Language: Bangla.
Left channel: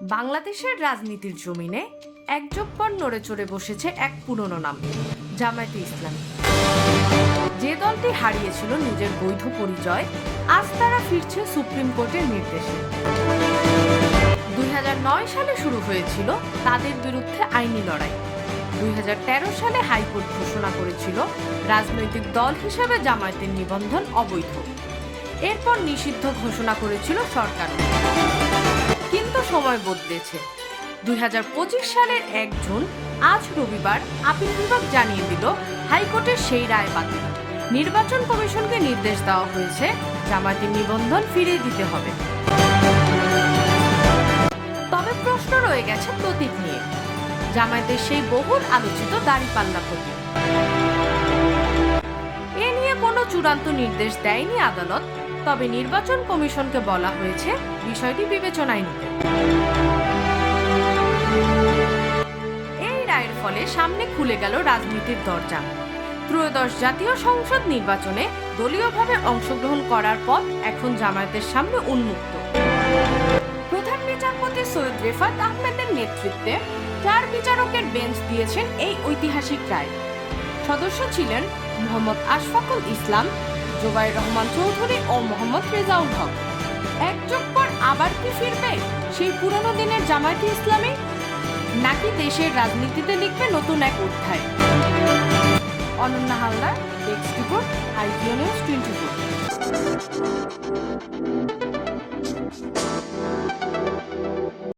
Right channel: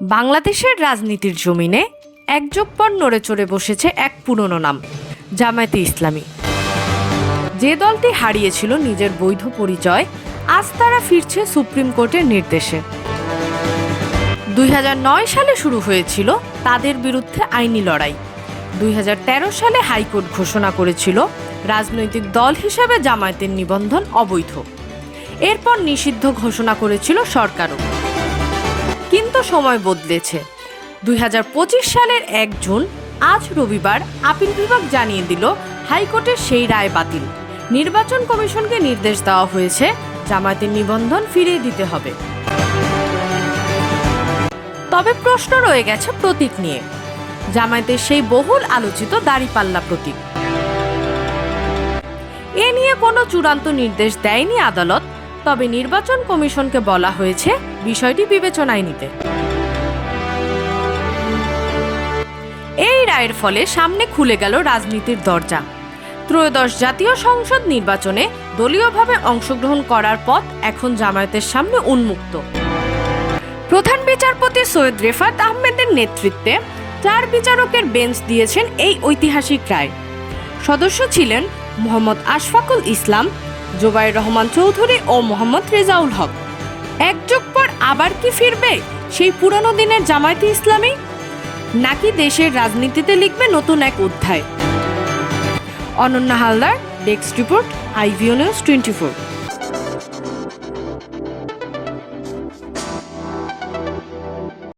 বাংলাদেশের রাজনীতির জমিনে এক যুগ পর নড়ে চড়ে বসেছে এক পুরনো নাম, জামায়াতে ইসলামী। যে দলটি হারিয়েছিল নিজের বৈধ পরিচয়, আজ তারা ফিরছে সুপ্রিম কোর্টের নির্দেশে। দুই হাজার নয় সালে শুরু হয়েছিল তাদের বিরুদ্ধে আইনি লড়াই। দুই হাজার তেরো সালে হাইকোর্ট ঘোষণা করেছিল রাজনৈতিক দল হিসেবে জামায়াতের নিবন্ধন অবৈধ। এরপর নিষিদ্ধ ঘোষণা করেছিল সরকারও। সময় বদলেছে। দুই হাজার পঁচিশ সালের এক জুন, আজ রবিবার, আপিল বিভাগ জানিয়ে দিল, হাইকোর্টের সেই রায় বাতিল। নির্বাচন কমিশনকে নির্দেশ দেওয়া হয়েছে, জামায়াতের নিবন্ধন ফিরিয়ে দিতে হবে। তবে প্রশ্ন রয়ে গেছে প্রতীক নিয়ে। জামায়াতের সেই বহুল আলোচিত দাড়িপাল্লা প্রতীক। এ নিয়ে কোনো চূড়ান্ত নির্দেশ দেয়নি আদালত তবে নির্বাচন কমিশনকে বলা হয়েছে বিষয়টি বিবেচনায় নিতে। এই রায়ের ফলে সামনে খুলে গেল রাজনীতির দরজা। ত্রয়োদশ জাতীয় সংসদ নির্বাচনে দলীয়ভাবে অংশগ্রহণ করার পথ এখন জামায়াতের সামনে উন্মুক্ত। প্রধান বিচারপতি সৈয়দ রেফাত আহমেদের নেতৃত্বে চার বিচারকের বেঞ্চ দিয়েছেন এই ঐতিহাসিক রায়। সদস্য ছিলেন মোহাম্মদ আশফাকুল ইসলাম জোবাইর রহমান চৌধুরী ও মোহাম্মদ রেজাউল হক। একযোগ পর আবার কি ফিরবে সেই পুরনো দিনের জামায়াতে ইসলামী? নাকি দেশের রাজনীতিতে লিখবে নতুন এক অধ্যায়? Ananya Haldar, desk report, IVO news twenty four.